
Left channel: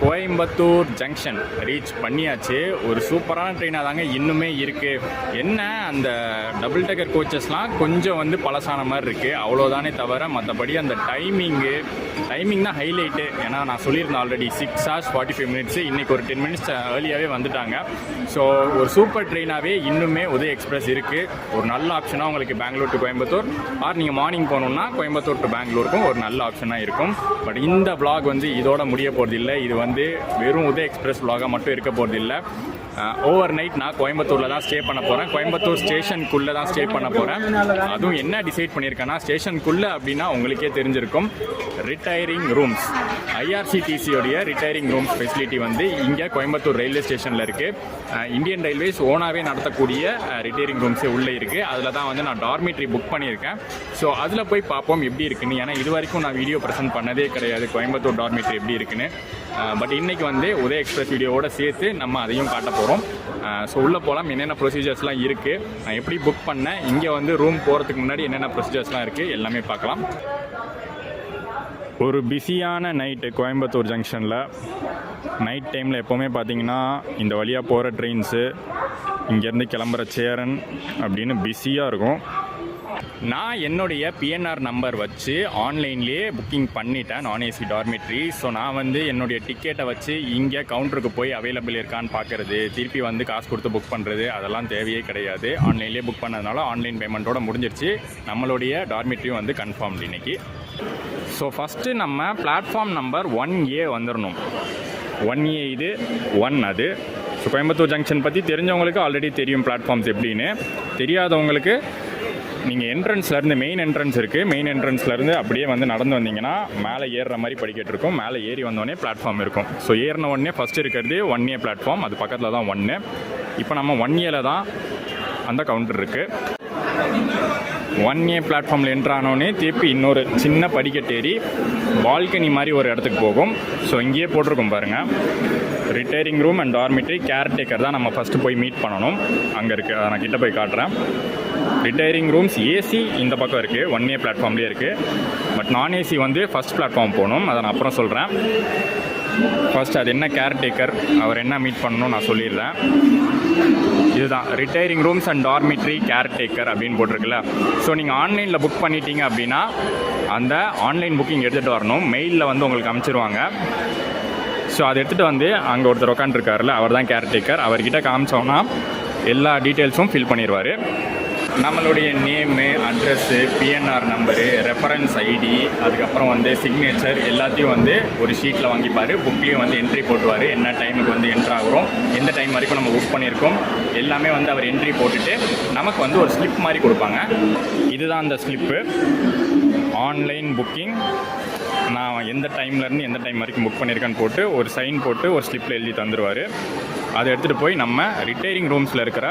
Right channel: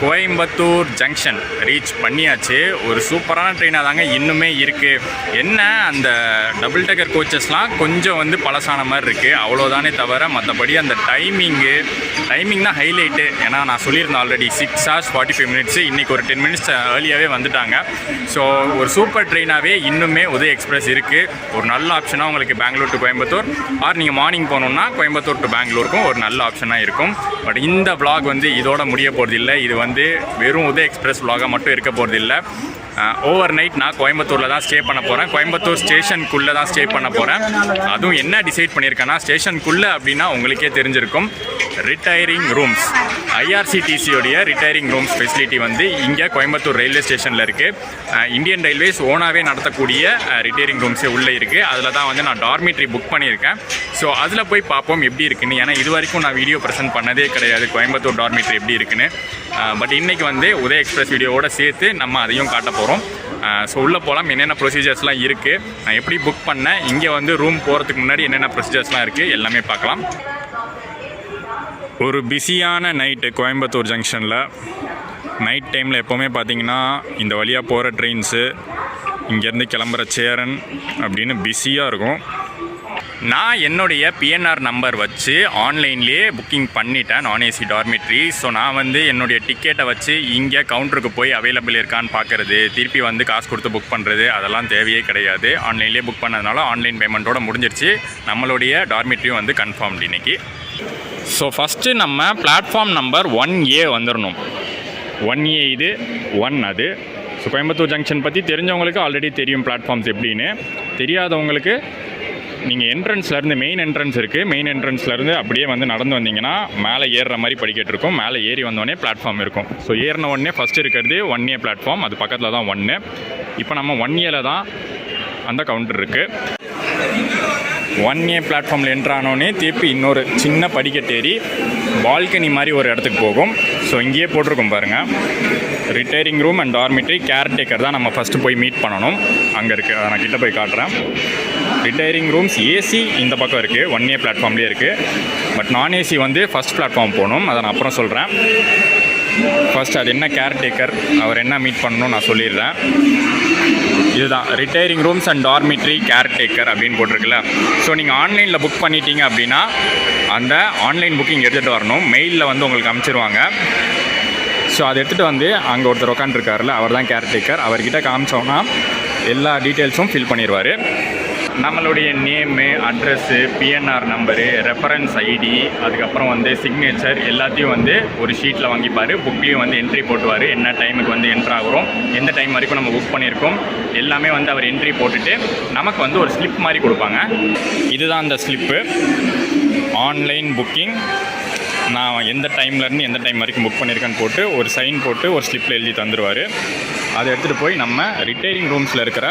கோயம்புத்தூர் ஜங்ஷன் ரீச் பண்ணியாச்சு. ஒரு சூப்பரான ட்ரெயினாக தாங்க இன்னுமே இருக்குது. என்ன அந்த டபுள் டக்கர் கோச்சஸ்லாம் கொஞ்சம் வந்து பழசான மாதிரி இருக்குது, அவ்வளோதானே தவிர மற்றபடி அந்த டைமிங் தான் ஹைலைட்டு. ஏன்னா நான் சொல்லியிருந்தேன் ஆல்ரெடி 6 hours 45 minutes. இன்றைக்கி ஒரு 10 minutes ஏர்லியாகவே வந்துட்டாங்க. ஸோ ஒரு சூப்பர் ட்ரெயினாகவே இன்னுமே உதய் எக்ஸ்பிரஸ் இருக்குது. ஒரு நல்ல ஆப்ஷனாக உங்களுக்கு பெங்களூர் டு கோயம்புத்தூர், ஆர் நீங்கள் மார்னிங் போகணுன்னா கோயம்புத்தூர் டு பெங்களூருக்கும் ஒரு நல்ல ஆப்ஷனாக இருக்கும். பட் இந்த vlog வந்து இதோட முடிய போகிறது இல்லை. இது வந்து வெறும் உதய் எக்ஸ்பிரஸ் vlog மட்டும் இருக்க போகிறது இல்லை. ஓவர் நைட் நான் கோயம்புத்தூரில் தான் ஸ்டே பண்ண போகிறேன். கோயம்புத்தூர் ஸ்டேஷனுக்குள்ளே தான் ஸ்டே பண்ண போகிறேன். அதுவும் என்ன டிசைட் பண்ணியிருக்கேன்னா, ஸ்டேஷனுக்குள்ளே அப்படின்னா உங்களுக்கே தெரிஞ்சிருக்கும், ரிட்டையரிங் ரூம்ஸ், ஐஆர்சிடிசியோடைய ரிட்டையரிங் ரூம்ஸ் ஃபெசிலிட்டி வந்து இங்கே கோயம்புத்தூர் ரயில்வே ஸ்டேஷனில் இருக்குது. இந்தியன் ரயில்வேஸ் ஓனாகவே நடத்தக்கூடிய ரிட்டையரிங் ரூம்ஸே உள்ளே இருக்குது. அதில் தான் வந்து நான் டார்மிட்ரி புக் பண்ணியிருக்கேன். ஸோ அதில் போய் பார்ப்போம் எப்படி இருக்குன்னு. ஏன்னா இது வரைக்கும் நான் வீடியோ ப்ரெசென்ட் பண்ணதே கிடையாது கோயம்புத்தூர் டார்மிட்ரி எப்படி இருக்குன்னு. பட் இன்றைக்கி வந்து உதய எக்ஸ்பிரஸ் வீடியோவோட சேர்த்து நம்ம அதையும் காட்ட போகிறோம். ஸோ உள்ளே போகலாம். என்னென்ன ப்ரொசீஜர்ஸ்லாம் இருக்குது, நான் எப்படி புக் பண்ணேன், இங்கே வந்து ரூம் போகிறதுக்கு முன்னாடி என்னென்ன ப்ரொசீஜர்ஸ்லாம் இருக்குது, எல்லாமே பார்க்கலாம். ஒரு பிஸியான நைட்டு கோயம்புத்தூர் ஜங்ஷனில். நைட் டைமில் எப்போவுமே பார்த்தீங்கன்னா இந்த வழியாக போகிற ட்ரெயின்ஸு, இங்கேருந்து கிளம்புற சேரன் அப்படின்னு பிஸியாக இருக்கும். நான் என்னுடைய பிஎன்ஆர் நம்பர் வச்சு ஆன்லைன்லேயே புக்கிங் பண்ணிட்டேன் நான் ஏசி டார்மிட்ரி. ஸோ நான் வந்து என்னுடைய டிக்கெட்டை வச்சு இங்கே கவுண்டருக்கு போய் அவைலபிள் இருக்கான்னு பார்க்குறது, திருப்பி வந்து காசு கொடுத்து புக் பண்ணுறது, அதெல்லாம் தேவையே கிடையாது. ஆன்லைன்லேயே புக் பண்ணதுனால ஆன்லைன் பேமெண்ட்டோட முடிஞ்சிருச்சு. நம்மளுடைய டார்மிட்ரியும் வந்து கன்ஃபார்ம்டு இன்றைக்கி. ஸோ ஃபஸ்ட்டு நம்ம பிளாட்ஃபார்ம் நம்பர் 1A வந்துடணும். 1A இது 1 அது. ஸோ கோயம்புத்தூர் ஜங்ஷன் பற்றி தெரிஞ்சவங்களுக்கு ஆல்ரெடி தெரியும் பிளாட்ஃபார்ம்ஸ் எப்படின்னு. தெரியாதவங்களுக்கு நீங்கள் என்ட்ரன்ஸ்லேருந்து, மெயின் என்ட்ரன்ஸ் இருக்குது, மெயின் என்ட்ரன்ஸ்லேருந்து அப்படியே வந்து நடந்து வந்தீங்கன்னா மேலே ஏறுற மாதிரி படிக்கட்டு இருக்கும். மேலே ஏறி வந்தோடனே பிளாட்ஃபார்ம் இருக்கும். ஸோ ஏறின உடனே ஃபஸ்ட்டு இருக்கிறது 1A பிளாட்ஃபார்ம், அது பக்கத்தில் தான் 1. இப்போ நம்ம 1Aல தான் அந்த கவுண்டர் இருக்குது. 1A பிளாட்ஃபார்மில் என்ட்ரானோடனே திருப்பி இன்னொரு சின்ன படிக்கட்டு ஏறி பால்கனி மாதிரி ஒரு இடத்துக்கு போகும். ஸோ இங்கேயே போட்டிருக்கோம் பாருங்கள், retiring room and dormitory caretaker தான் நம்ம ஃபஸ்ட்டு போய் மீட் பண்ணணும். அங்கே இருக்குது, நான் கிட்ட போய் காட்டுறேன். ரிட்டையரிங் ரூம்ஸ் ஏசி இந்த பக்கம் இருக்குது, 1A பிளாட்ஃபார்ம்லேயே இருக்குது. பட் நான் ஏசி வந்து ஃபஸ்ட் பிளாட்ஃபார்ம் போகணும், அதை நான் அப்புறம் சொல்கிறேன். ஃபஸ்ட் அது என்ன கேர்டேக்கர், அவர் என்ன மீட் பண்ணணும் நான் சொல்லிடுறேன். இதுதான் retiring rooms and dormitory caretaker அப்படின்னு போட்டிருக்குல்ல. ஸோ நீங்கள் ஆன்லைனில் புக் பண்ணிட்டீங்க அப்படின்னா அந்த ஆன்லைன் புக்கிங் எடுத்துகிட்டு வரணும். மெயிலில் வந்து உங்களுக்கு அனுப்பிச்சிருவாங்க. ஸோ அதை எடுத்துகிட்டு வந்து அங்கே ஒருத்தர் உட்காந்துருக்காருல, அவர் தான் கேர்டேக்கர். அவர்கிட்ட காமிச்சோன்னா எல்லா டீட்டெயில்ஸும் ஃபில் பண்ணிடுவார். நம்மளுடைய name, address, PNR number, reference ID, அதுக்கப்புறம் வந்து சிக்னேச்சர் எல்லாத்தையும் வந்து ஒரு ஷீட்டில் வாங்கிப்பார். புக்லேயும் வந்து என்ட்ரி போட்டுவார். என்ன டைமுக்கு வந்து என்ட்ரு ஆகிறோம், எந்த டைம் வரைக்கும் நம்ம புக் பண்ணியிருக்கோம், எல்லாமே வந்து அவர் என்ட்ரி போட்டுட்டு நமக்கு வந்து ஒரு ஸ்லிப் மாதிரி கொடுப்பாங்க. இதுதான் அந்த ஸ்லிப்பு. ஆன்லைன் புக்கிங், நான் எந்த டைம்லேருந்து எந்த டைம் வரைக்கும் புக் பண்ணியிருக்கேன்னு போட்டு ஒரு சைன் போட்டு ஒரு ஸ்லிப்பில் எழுதி தந்துடுவார். அதை எடுத்துகிட்டு போய் நம்ம ரிட்டையரிங் ரூம்ஸில் இருக்கிற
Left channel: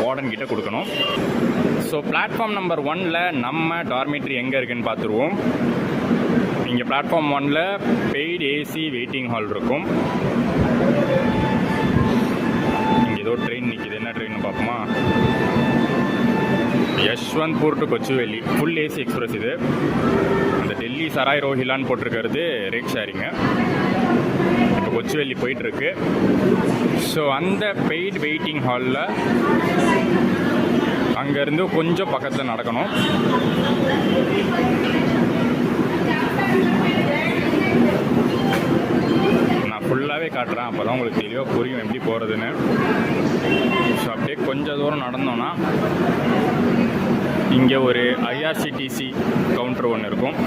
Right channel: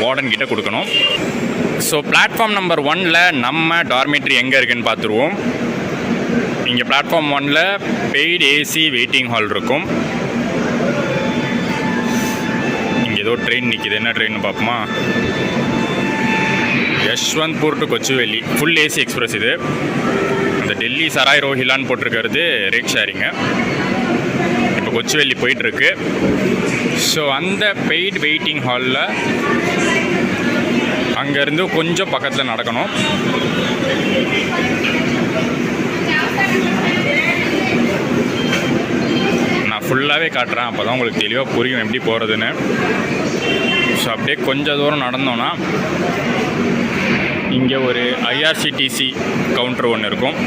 வார்டன் கிட்ட கொடுக்கணும். ஸோ பிளாட்ஃபார்ம் நம்பர் 1ல் நம்ம டார்மிட்ரி எங்கே இருக்குதுன்னு பார்த்துருவோம். இங்கே பிளாட்ஃபார்ம் 1ல் பெய்டு ஏசி வெயிட்டிங் ஹால் இருக்கும். இங்கே ஏதோ ட்ரெயின் நிற்கிது, என்ன ட்ரெயின்னு பார்ப்போமா? Yesvantpur to Kochuveli, full AC express இது. அந்த டெல்லி சராய் ரோஹிலான்னு போட்டிருக்கிறது ரேட் ஷேரிங்கு. இப்போ கொச்சுவேலி போயிட்டுருக்கு. ஸோ அந்த பெய்டு வெயிட்டிங் ஹாலில் அங்கேருந்து கொஞ்சம் பக்கத்தில் நடக்கணும். நான் ஃபுல்லாகவே காட்டுறேன், அப்போ தான் உங்களுக்கு தெளிவாக புரியும் எப்படி போகிறதுன்னு. ஸோ அப்படியே கொஞ்சம் தூரம் நடந்தோன்னா இங்கே ஒரு ஐஆர்சிடிசி கவுண்டர் ஒன்று இருக்கும்.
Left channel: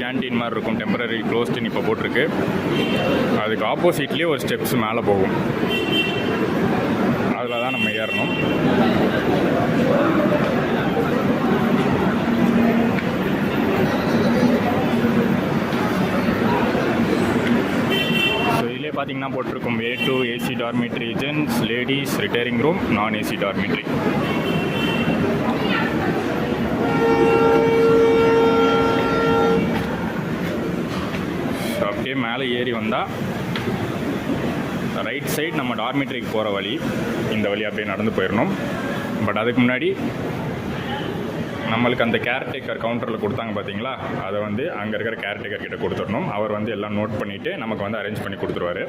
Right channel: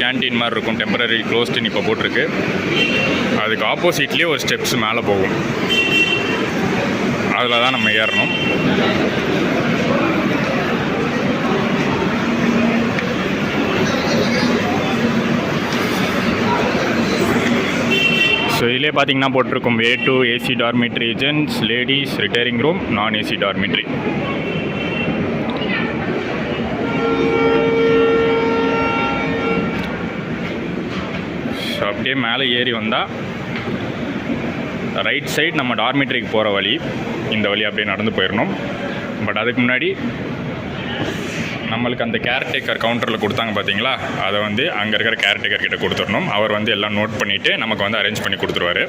கேன்டீன் மாதிரி இருக்கும், டெம்பரரி க்ளோஸ்டுன்னு இப்போ போட்டிருக்கு. அதுக்கு ஆப்போசிட்லேயே ஒரு ஸ்டெப்ஸ் மேலே போகும், அதில் தான் நம்ம ஏறணும். ஸோ இதிலே பார்த்தீங்கன்னா போட்டிருக்கும் A2 AC dormitory, gents, ladies, retiring room, நான் ஏசி டார்மிட்ரி. ஸோ அப்படியே மேலே ஏறி வந்தால் ரைட் சைடு நம்ம டார்மிட்ரிக்கு போகிற வழி, இந்த வழி அப்படியே நடந்து போயிடணும். பட் அதுக்கு முன்னாடி நம்மளுக்கு அந்த கேர்டேக்கர் கவுண்டரில் கொடுத்தாங்க பார்த்தீங்களா, அதை வந்து அங்கே இருக்கிற கேர்டேக்கர் கிட்ட கொடுத்துடணும். அவர் வந்து எல்லாம் நோட் பண்ணிவிட்டு நமக்கு வந்து அரேஞ்ச் பண்ணி கொடுத்துருவார்.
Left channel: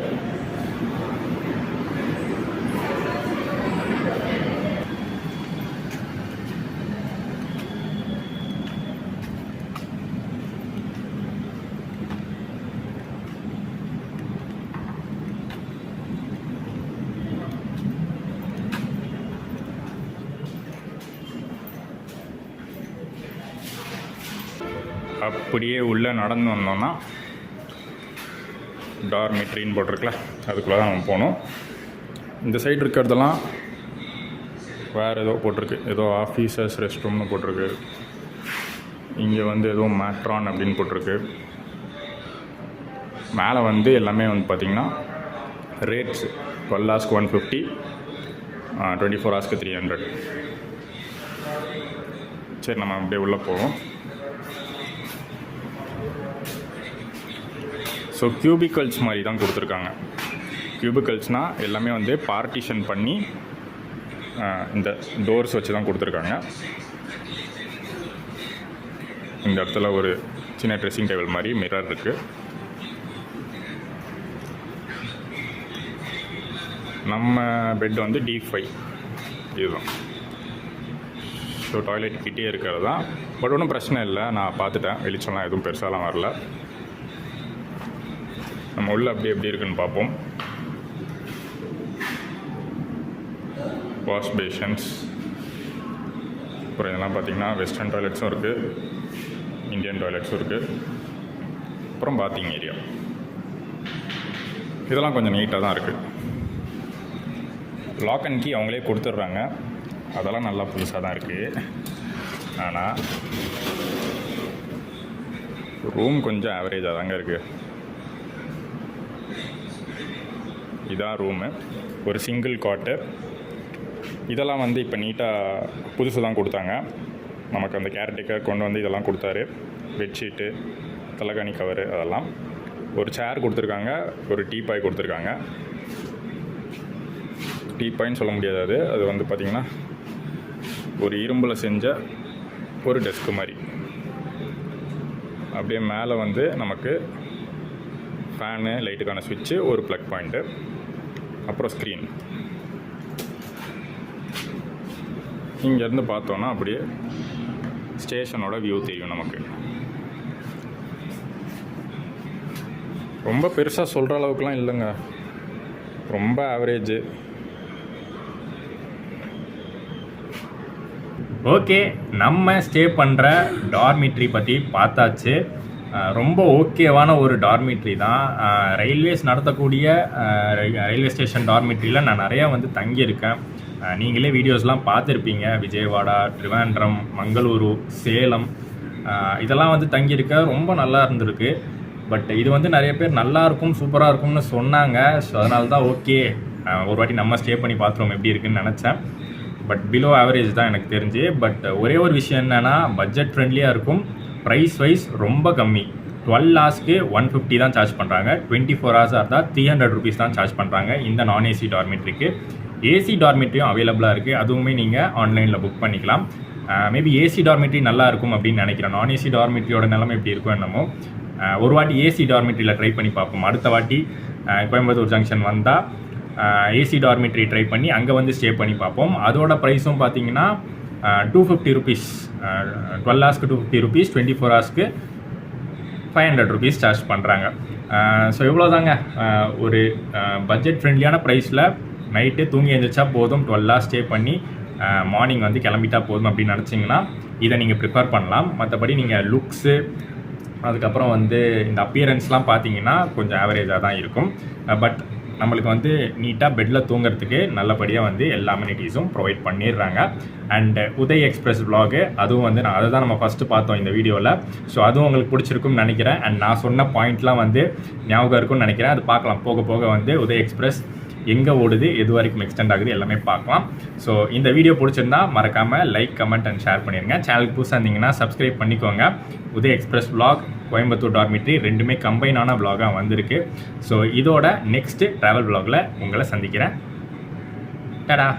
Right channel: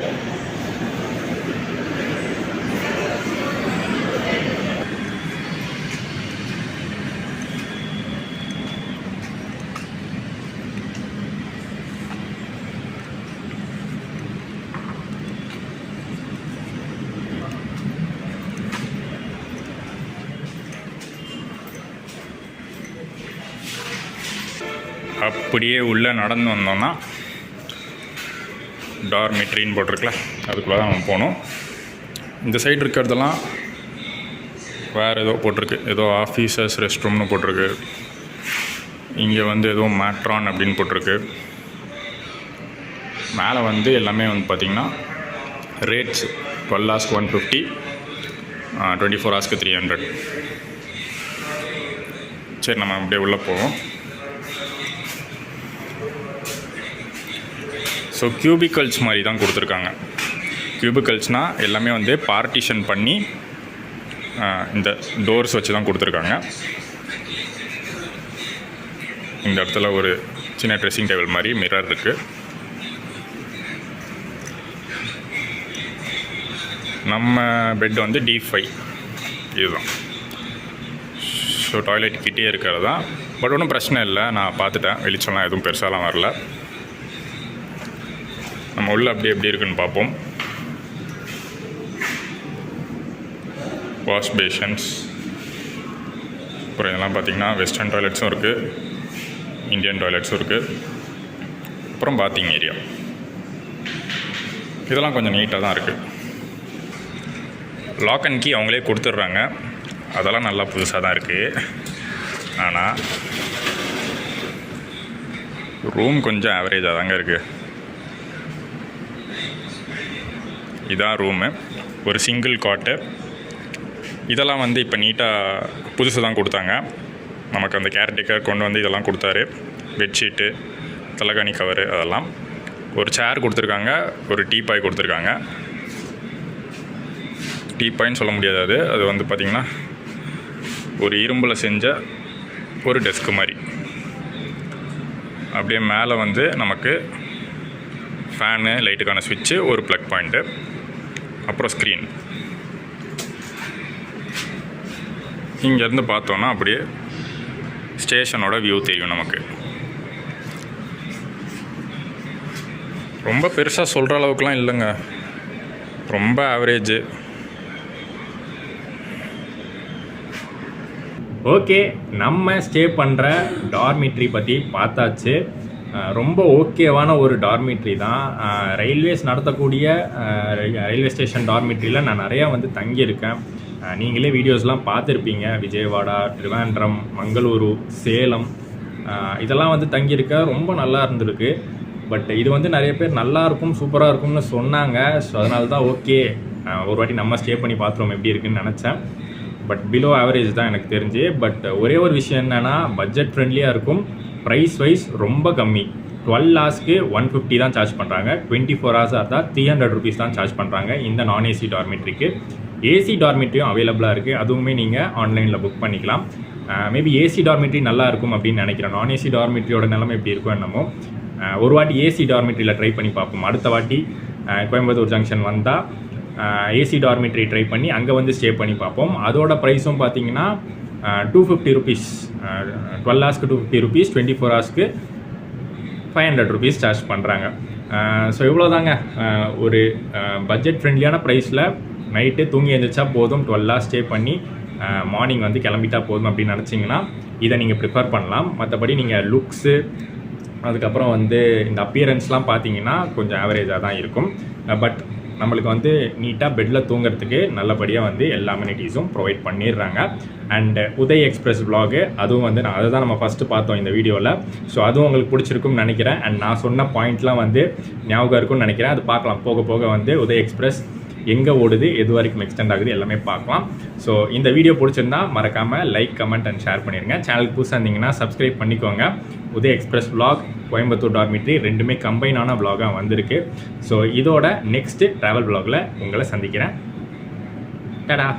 அப்படியே உள்ளே நடந்து வந்தோம்னா டார்மிட்ரின்னு போட்டிருக்கல, அதுக்குள்ளே தான் நம்ம போகணும். இந்த சைடு இருக்கிறதெல்லாம் வேறு ஏதோ போட்டிருக்கு, ஏதோ ஆஃபீஸர்ஸ் ரெஸ்ட் ரூம்னு போட்டிருக்கு. இங்கே வந்து ஏதோ மேட்ரான் அப்படின்னு போட்டிருக்கு. மேலே வந்து எல்லாமே வந்து பார்த்திங்கன்னா ரேட்ஸ் 12 ஹவர்ஸ்க்கு 150, 24 ஹவர்ஸ்க்கு 300. சரி, நம்ம அப்படியே உள்ளே போவோம். ஸோ கியூபிக்கல்ஸ் மாதிரி தான் கொடுத்துருக்காங்க. கியூபிக்கல்ஸ்னால் எல்லாமே வந்து பார்ட்டிஷன் பண்ணி இந்த டோர்ஸ் வச்சு தான் கொடுத்துருக்காங்க. இந்த இடத்துல ஒரு சின்ன ட்ரெஸ்ஸிங் டேபிள் மாதிரி மிரர் இருக்குது. நம்ம பெட் வந்து D5 இதுதான். ஸோ டாய்லெட் கிட்டே இருக்கிறது தான். பட் ஒன்றும் பிரச்சனை இல்லை, நான் பார்த்துட்டேன். வெளிச்சம்லாம் எதுவும் பெருசாலாம் வரல. நம்ம உள்ள அப்படி எப்படி இருக்குன்னு பார்ப்போம். வாஷ் பேஷன்ஸ், அப்புறம் இதெல்லாம் பார்த்திங்கன்னா வெஸ்டர்ன் டாய்லெட்ஸும் இருக்குது, இந்தியன் டாய்லெட்ஸும் இருக்குது. அப்புறம் பாத்திங் ஏரியா, இதெல்லாம் கொஞ்சம் நீட்டாக தான் இருக்குது. லாக் அண்ட் கீ அவங்களே கொடுத்துட்றாங்க, அதெல்லாம் நல்லா புதுசாக தான் இருக்குது. ஆனால் ரூம் கொஞ்சம் ஆவரேஜாக தாங்க இருக்குது. இதான் ரூமு, ஒரு சிங்கிள் காட்டு. இதெல்லாம் வந்து இப்போ நீட்டாக புதுசு தான் கொடுத்தாங்க. நமக்கு அந்த கேர்டேக்கர் கொண்டு வந்து இதெல்லாம் கொடுத்தாரு. பெட்ஷீட்டு, தலைகாணி கவரு, அதெல்லாம். ஒரு சேர் கொடுத்துருக்காங்க, ஒரு டீபாய் கொடுத்துருக்காங்க. டீபாய்ன்னு சொல்ல முடியாது, அது வந்து பார்த்திங்கன்னா ஒரு இரும்பில் செஞ்ச ஒரு டெஸ்க்கு மாதிரி. அப்படியே மேலே வந்து நமக்கு ஃபேனு, லைட்டுக்கான ஸ்விட்சு, ஒரு ப்ளக் பாயிண்ட்டு, அப்புறம் ஸ்க்ரீன். இங்கேருந்து பார்த்தோன்னா அப்படியே ஸ்டேஷனோட வியூ தெரியும் நமக்கு. ரொம்ப பெருசாக சொல்கிற அளவுக்குலாம் இல்லைங்க, ரொம்ப ஆவரேஜு. ஓகே, நம்ம ஸ்டே பண்ணுற டார்மிட்ரி பற்றி பார்த்தாச்சு. ரொம்ப ஓகேவான ஒரு டார்மிட்ரி தான். ரயில்வேஸ் நடத்தக்கூடிய ரயில்வே ஸ்டேஷன் டார்மிட்ரியில் நான் நிறையா வந்து தங்கியிருக்கேன். நீங்களே வீடியோஸ்லாம் பார்த்துருப்பீங்க. விஜயவாடா, ட்ரிவாண்ட்ரம், மங்களூரு, சேலம், இதெல்லாம் வந்து தங்கியிருக்க ரொம்ப நல்லா இருந்திருக்கு. பட் இது வந்து நிறைய பேர் நல்லாயிருக்கும், சூப்பராக இருக்கும்னு சொன்னாங்க. ஸோ அதனால தான் ஓகே, ஒரு வாட்டி நம்ம ஸ்டே பண்ணி பார்த்துருவோம் எப்படி இருக்குன்னு நினச்சேன். பட் பிலோ ஆவரேஜ் தான் எனக்கு தெரிஞ்சு. பட் ஒரே ஒரு விஷயம் என்னென்னா, பட்ஜெட் ஃப்ரெண்ட்லியாக இருக்கும். ப்ரைஸ் வைஸ் ரொம்ப கம்மி. 12 ஹவர்ஸ்க்கு 150 தான் சார்ஜ் பண்ணுறாங்க. 24 ஹவர்ஸாக இருந்தால் 300 ருபீஸ் தான் சார்ஜ் பண்ணுறாங்க இந்த நான் ஏசி டார்மிட்ரிக்கு. ஏசி டார்மிட்ரியும் அவைலபிளாக இருக்குது, அதுவுமே நீங்கள் ஆன்லைனில் புக் பண்ணிக்கலாம். மேபி ஏசி டார்மிட்ரி நல்லா இருக்கும் அப்படின்னு நினைக்கிறேன். நான் ஏசி டார்மிட்ரியோட நிலைமை எப்படி இருக்கும் என்னமோ. ஒரு வாட்டி ஏசி டார்மிட்ரியில் ட்ரை பண்ணி பார்ப்போம். அடுத்த வாட்டி கோயம்புத்தூர் ஜங்ஷன் வந்தால் ஏசி டார்மிட்ரி ட்ரை பண்ணி அங்கே வந்து ஸ்டே பண்ணி பார்ப்போம். அதோட ப்ரைஸும் பார்த்தீங்கன்னா 250 ருபீஸ். 12 ஹவர்ஸ்க்கு 250 ருபீஸ், 24 ஹவர்ஸ்க்கு 500 ருபீஸ் சார்ஜ் பண்ணுறாங்க. ஸோ இவ்வளோ தாங்க. ஒரு பட்ஜெட் ஃப்ரெண்ட்லியான ப்ரைஸில் நைட்டு தூங்கி எழுந்திரிச்சா போதும், 12 ஹவர்ஸ் ஸ்டே பண்ணி மார்னிங் வந்து கிளம்பிட்டா போதும் அப்படின்னு நினச்சிங்கன்னா இதை நீங்கள் ப்ரிஃபர் பண்ணலாம். மற்றபடி நீங்கள் லுக்ஸு, அதுக்கப்புறம் வந்து இந்த அப்பியரன்ஸ்லாம் பார்த்தீங்கன்னா கொஞ்சம் ஆவரேஜாக தான் இருக்கும். பட் நம்மளுக்கு வந்து நீட்டாக பெட்டில் தூங்குறதுக்கு நல்லபடியாக வந்து எல்லா அம்யூனிட்டிஸும் ப்ரொவைட் பண்ணிடுறாங்க. அண்ட் உதய் எக்ஸ்பிரஸ் விலாகு, அதுவும் வந்து அதை தான் நம்ம ஃபஸ்ட்டு பார்த்தோம் இந்த வீடியோவில். ஸோ அதுவும் உங்களுக்கு பிடிச்சிருக்கும்னு நினைக்கிறேன். அண்ட் நான் சொன்ன பாயிண்ட்லாம் வந்து ஞாபகம் இருக்கும்னு நினைக்கிறேன். அது பார்க்கலாம், போக போக வந்து உதய் எக்ஸ்பிரஸ் எங்கே ஓடுது, எது வரைக்கும் எக்ஸ்டெண்ட் ஆகுது எல்லாமே பார்க்கலாம். ஸோ இந்த வீடியோ பிடிச்சிருந்தா மறக்காமல் லைக், கமெண்ட் அண்ட் ஷேர் பண்ணிடுங்க. சேனலுக்கு புதுசாக இருந்தீங்கன்னா சப்ஸ்கிரைப் பண்ணிக்கோங்க. Uday express vlog, Coimbatore dormitory ரெண்டுமே கம்பைனான விலாகாக வந்திருக்கு. ஸோ இதோட நெக்ஸ்ட்டு ட்ராவல் விலாகில் உங்களை சந்திக்கிறேன். டடா.